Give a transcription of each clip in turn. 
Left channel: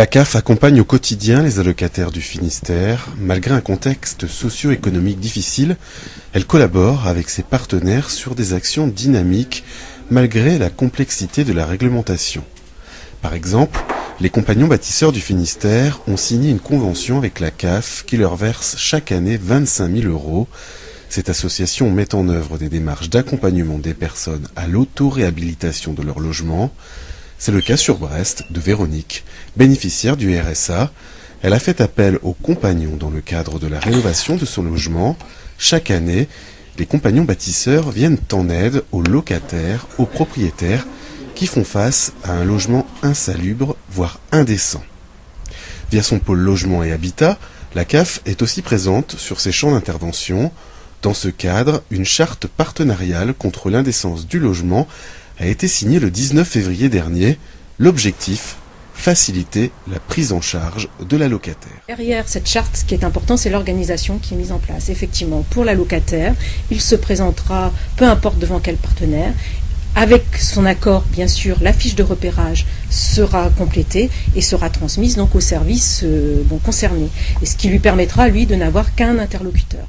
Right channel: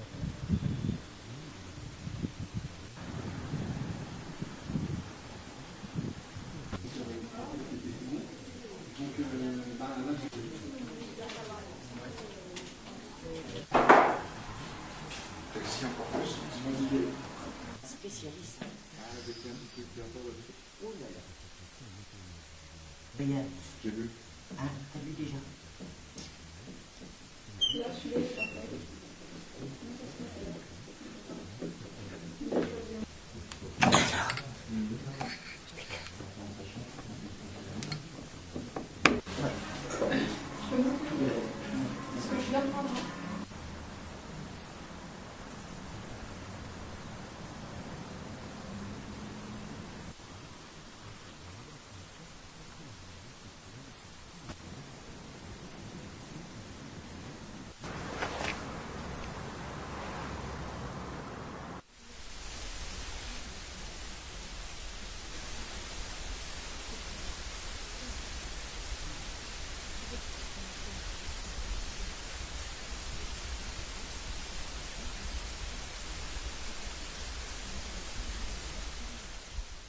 La CAF accompagne au quotidien les allocataires du Finistère. Malgré un contexte socio-économique difficile, elle collabore avec ses partenaires sur des actions dynamiques malgré la complexité de la réglementation. Par exemple, les compagnons bâtisseurs du Finistère ont signé une convention avec la CAF qui leur verse chaque année 25 000 €. Cette association met en œuvre des démarches d'accompagnement des personnes à l'auto-réhabilitation de leur logement. C'est le cas sur Brest de Véronique, bénéficiaire du RSA. Elle a fait appel aux compagnons dans le cadre de la rénovation de son logement. Chaque année, les compagnons bâtisseurs viennent en aide aux locataires, aux propriétaires qui font face à un logement insalubre, voire indécent. Via son pôle logement et habitat, la CAF est aussi présente sur ses champs d'intervention. Dans ce cadre, une charte partenariale contre l'indécence du logement a été signée le 19 février dernier. L'objectif, faciliter la prise en charge de la locataire. Derrière cette charte, ce qui est important, c'est l'organisation qui est mise en place. Effectivement, pour la locataire, il se présentera, peu importe devant quel partenaire. Avec son accord, bien sûr, la fiche de repérage sera complétée et sera transmise donc au service concerné. Et ce qui lui permettra, lui, de n'avoir qu'un interlocuteur.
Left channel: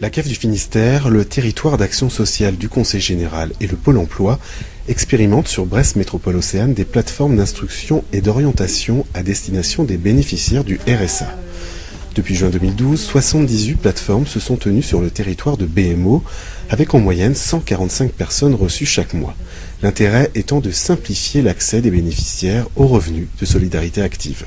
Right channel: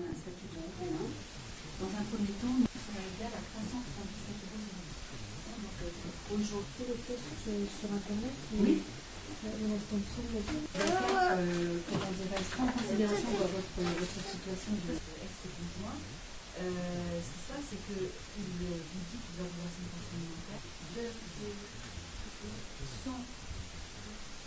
La CAF du Finistère, le territoire d'action sociale du Conseil général et le Pôle emploi expérimentent sur Brest Métropole Océane des plateformes d'instruction et d'orientation à destination des bénéficiaires du RSA. Depuis juin 2012, 78 plateformes se sont tenues sur le territoire de BMO, avec en moyenne 145 personnes reçues chaque mois. L'intérêt étant de simplifier l'accès des bénéficiaires aux revenus de solidarité active.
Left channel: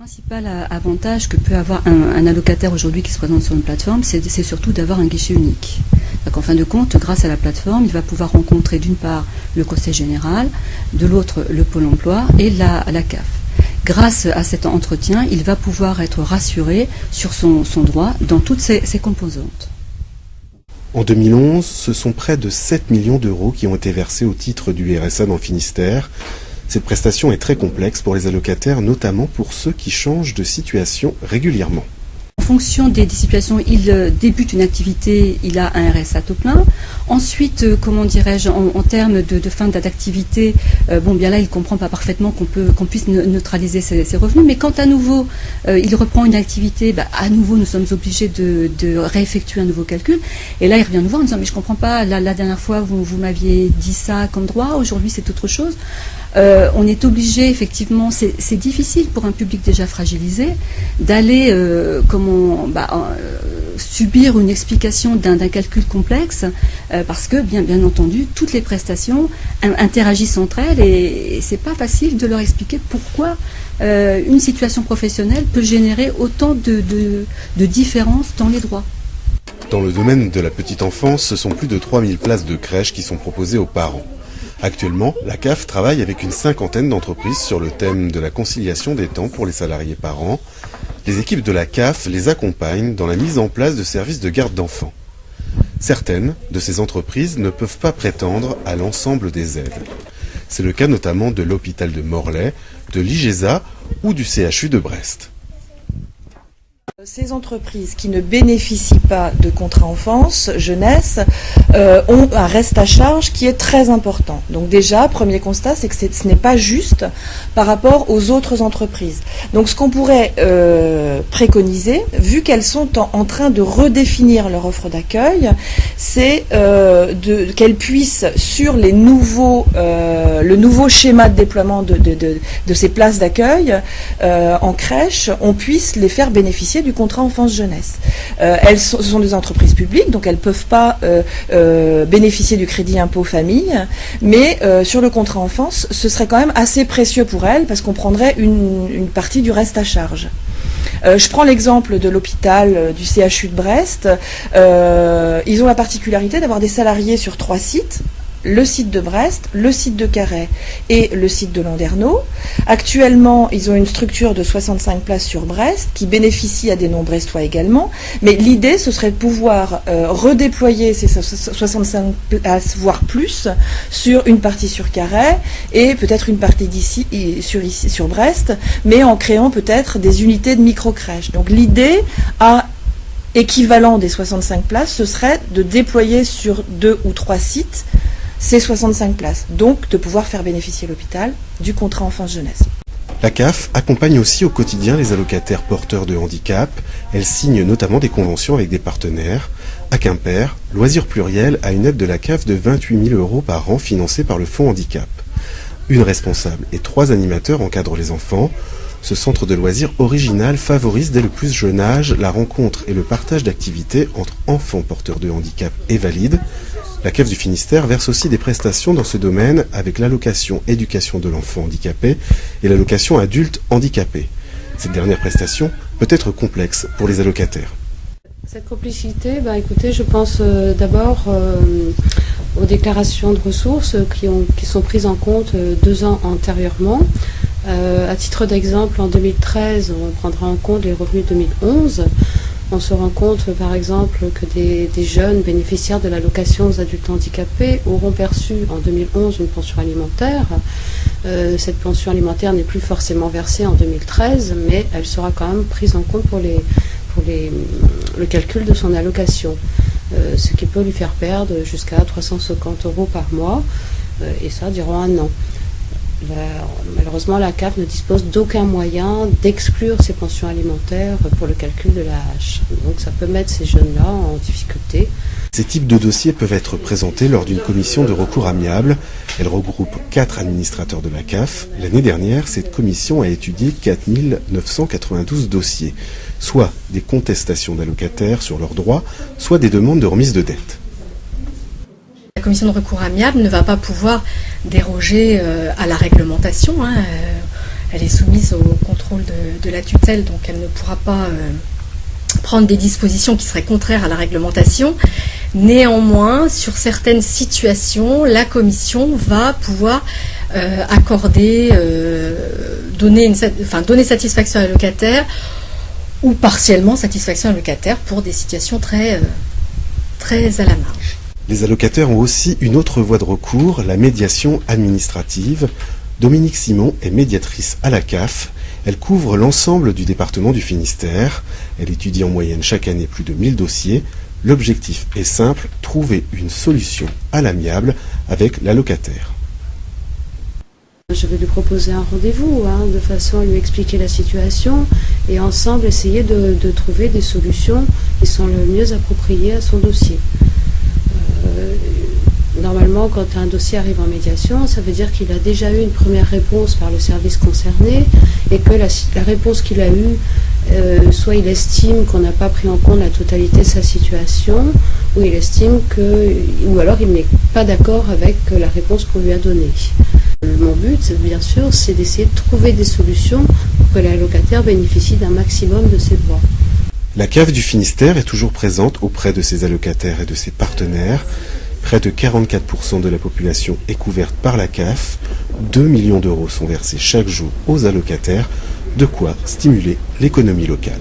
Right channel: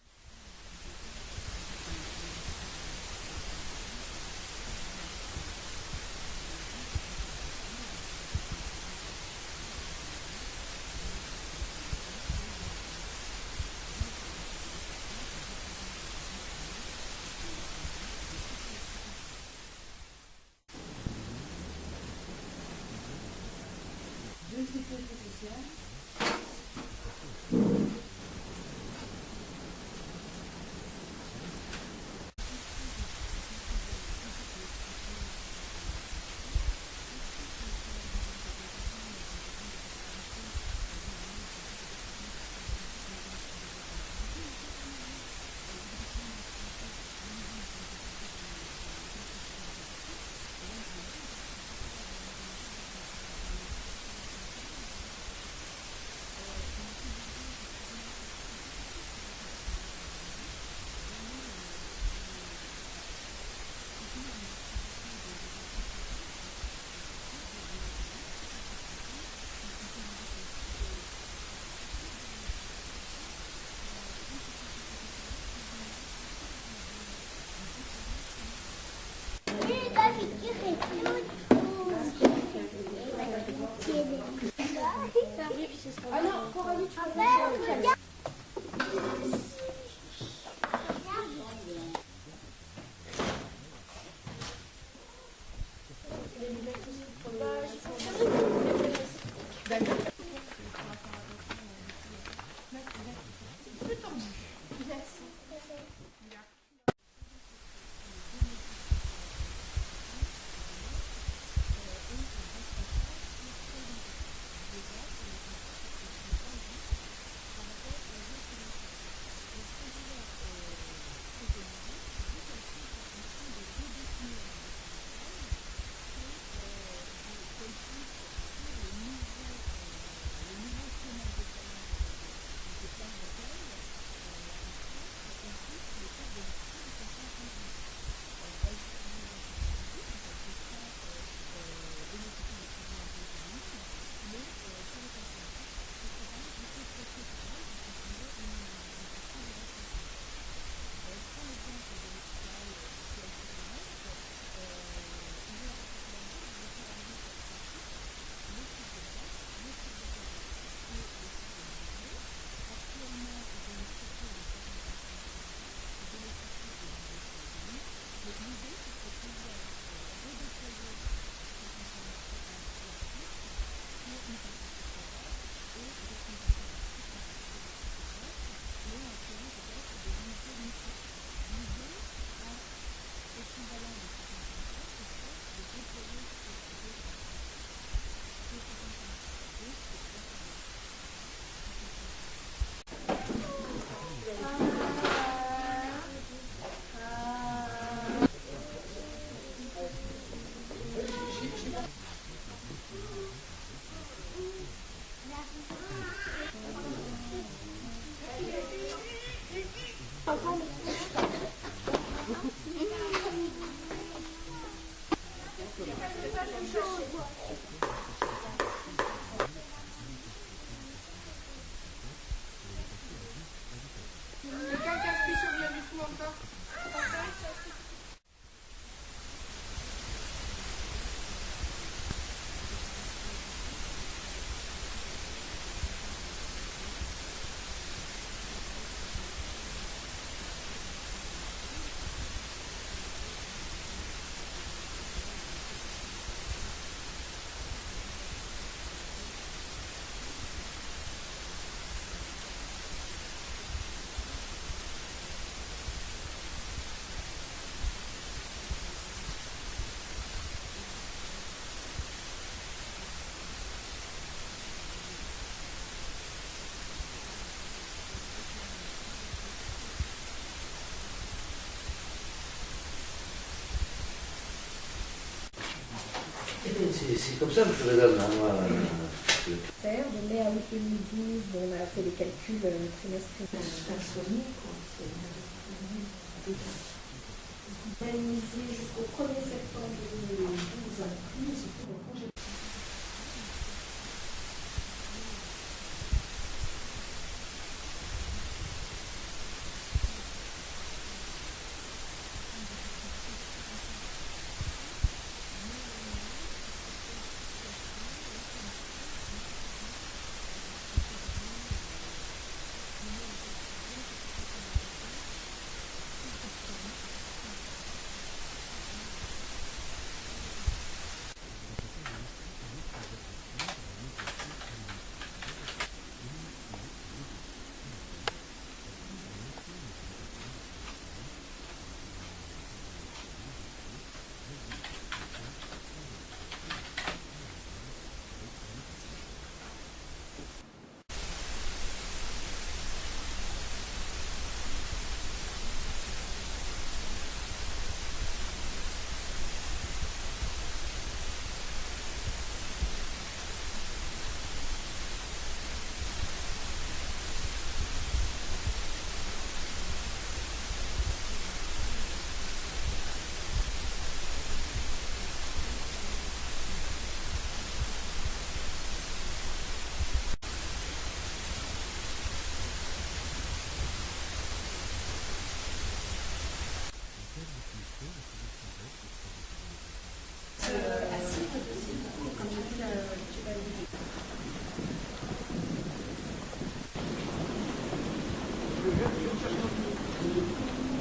Le principal avantage que peut avoir un allocataire aujourd'hui qui se présente sur une plateforme, c'est surtout d'avoir un guichet unique. Donc, en fin de compte, grâce à la plateforme, il va pouvoir rencontrer d'une part le Conseil général, de l'autre le Pôle emploi et la CAF. Grâce à cet entretien, il va pouvoir être rassuré sur son droit dans toutes ses composantes. En 2011, ce sont près de 7 millions d'euros qui ont été versés au titre du RSA dans le Finistère. Cette prestation est très complexe pour les allocataires, notamment pour ceux qui changent de situation régulièrement. En fonction des situations, il débute une activité, il a un RSA taux plein. Ensuite, en termes de fin d'activité, bien là, il ne comprend pas parfaitement qu'on puisse neutraliser ses revenus. Mais quand à nouveau, il reprend une activité, à nouveau, nous sommes obligés de réeffectuer un nouveau calcul. Et là, il revient nous voir en disant, mais je ne comprends pas, la dernière fois, vous m'aviez dit ça comme droit, aujourd'hui, c'est autre chose. On est obligé, effectivement, c'est difficile pour un public déjà fragilisé d'aller subir une explication d'un calcul complexe parce que, bien entendu, toutes les prestations interagissent entre elles et c'est pas facile de leur expliquer pourquoi une situation professionnelle peut générer autant de différences dans les droits. Dans le domaine de la petite enfance, ce sont plus de 3000 places de crèche qui sont proposées aux parents. Actuellement, la CAF travaille avec une cinquantaine d'entreprises sur le thème de la conciliation des temps pour les salariés parents. Les équipes de la CAF les accompagnent dans la mise en place de services de garde d'enfants. Certaines de ces entreprises ne peuvent pas prétendre à l'ensemble des aides. C'est le cas notamment de l'hôpital de Morlaix, de l'IGESA ou du CHU de Brest. Ces entreprises qui ne bénéficient pas de contrat enfance, jeunesse, ont un reste à charge qui est très important. Donc déjà, premier constat, c'est que ce n'est pas juste par rapport aux autres entreprises. Donc ce qu'on pourrait préconiser, vu qu'elles sont en train de redéfinir leur offre d'accueil, c'est qu'elles puissent, sur le nouveau schéma de déploiement de ces places d'accueil en crèche, on puisse les faire bénéficier du contrat enfance-jeunesse. Ce sont des entreprises publiques, donc elles ne peuvent pas bénéficier du crédit impôt famille, mais sur le contrat enfance, ce serait quand même assez précieux pour elles parce qu'on prendrait une partie du reste à charge. Je prends l'exemple de l'hôpital du CHU de Brest. Ils ont la particularité d'avoir des salariés sur 3 sites. Le site de Brest, le site de Carhaix et le site de Landerneau. Actuellement, ils ont une structure de 65 places sur Brest qui bénéficie à des non-brestois également. Mais l'idée, ce serait de pouvoir redéployer ces 65 places, voire plus, sur une partie sur Carhaix et peut-être une partie d'ici sur Brest, mais en créant peut-être des unités de micro-crèches. Donc l'idée équivalent des 65 places, ce serait de déployer sur 2 ou 3 sites ces 65 places. Donc de pouvoir faire bénéficier l'hôpital du contrat enfance-jeunesse. La CAF accompagne aussi au quotidien les allocataires porteurs de handicap. Elle signe notamment des conventions avec des partenaires. À Quimper, Loisirs Pluriel a une aide de la CAF de 28 000 € par an financée par le Fonds Handicap. Une responsable et 3 animateurs encadrent les enfants. Ce centre de loisirs original favorise dès le plus jeune âge la rencontre et le partage d'activités entre enfants porteurs de handicap et valides. La CAF du Finistère verse aussi des prestations dans ce domaine avec l'allocation éducation de l'enfant handicapé et l'allocation adulte handicapé. Cette dernière prestation peut être complexe pour les allocataires. Cette complicité, écoutez, je pense d'abord aux déclarations de ressources qui sont prises en compte 2 ans antérieurement. À titre d'exemple, en 2013, on prendra en compte les revenus 2011. On se rend compte, par exemple, que des jeunes bénéficiaires de l'allocation aux adultes handicapés auront perçu en 2011 une pension alimentaire. Cette pension alimentaire n'est plus forcément versée en 2013, mais elle sera quand même prise en compte pour le calcul de son allocation, ce qui peut lui faire perdre jusqu'à 350 € par mois, et ça durant 1 an. Malheureusement, la CAF ne dispose d'aucun moyen d'exclure ces pensions alimentaires pour le calcul de l'AH. Donc ça peut mettre ces jeunes-là en difficulté. Ces types de dossiers peuvent être présentés lors d'une commission de recours amiable. Elle regroupe 4 administrateurs de la CAF. L'année dernière, cette commission a étudié 4 992 dossiers, soit des contestations d'allocataires sur leurs droits, soit des demandes de remise de dette. La commission de recours amiable ne va pas pouvoir déroger à la réglementation. Elle est soumise au contrôle de la tutelle, donc elle ne pourra pas prendre des dispositions qui seraient contraires à la réglementation. Néanmoins, sur certaines situations, la commission va pouvoir accorder, donner satisfaction à l'allocataire ou partiellement satisfaction à l'allocataire pour des situations très à la marge. Les allocataires ont aussi une autre voie de recours, la médiation administrative. Dominique Simon est médiatrice à la CAF. Elle couvre l'ensemble du département du Finistère. Elle étudie en moyenne chaque année plus de 1000 dossiers. L'objectif est simple, trouver une solution à l'amiable avec l'allocataire. Je vais lui proposer un rendez-vous, de façon à lui expliquer la situation et ensemble essayer de trouver des solutions qui sont le mieux appropriées à son dossier. Normalement, quand un dossier arrive en médiation, ça veut dire qu'il a déjà eu une première réponse par le service concerné et que la réponse qu'il a eue, soit il estime qu'on n'a pas pris en compte la totalité de sa situation, ou il estime ou alors il n'est pas d'accord avec la réponse qu'on lui a donnée. Mon but, bien sûr, c'est d'essayer de trouver des solutions pour que l'allocataire bénéficie d'un maximum de ses droits. La CAF du Finistère est toujours présente auprès de ses allocataires et de ses partenaires. Près de 44% de la population est couverte par la CAF. 2 millions d'euros sont versés chaque jour aux allocataires, de quoi stimuler l'économie locale.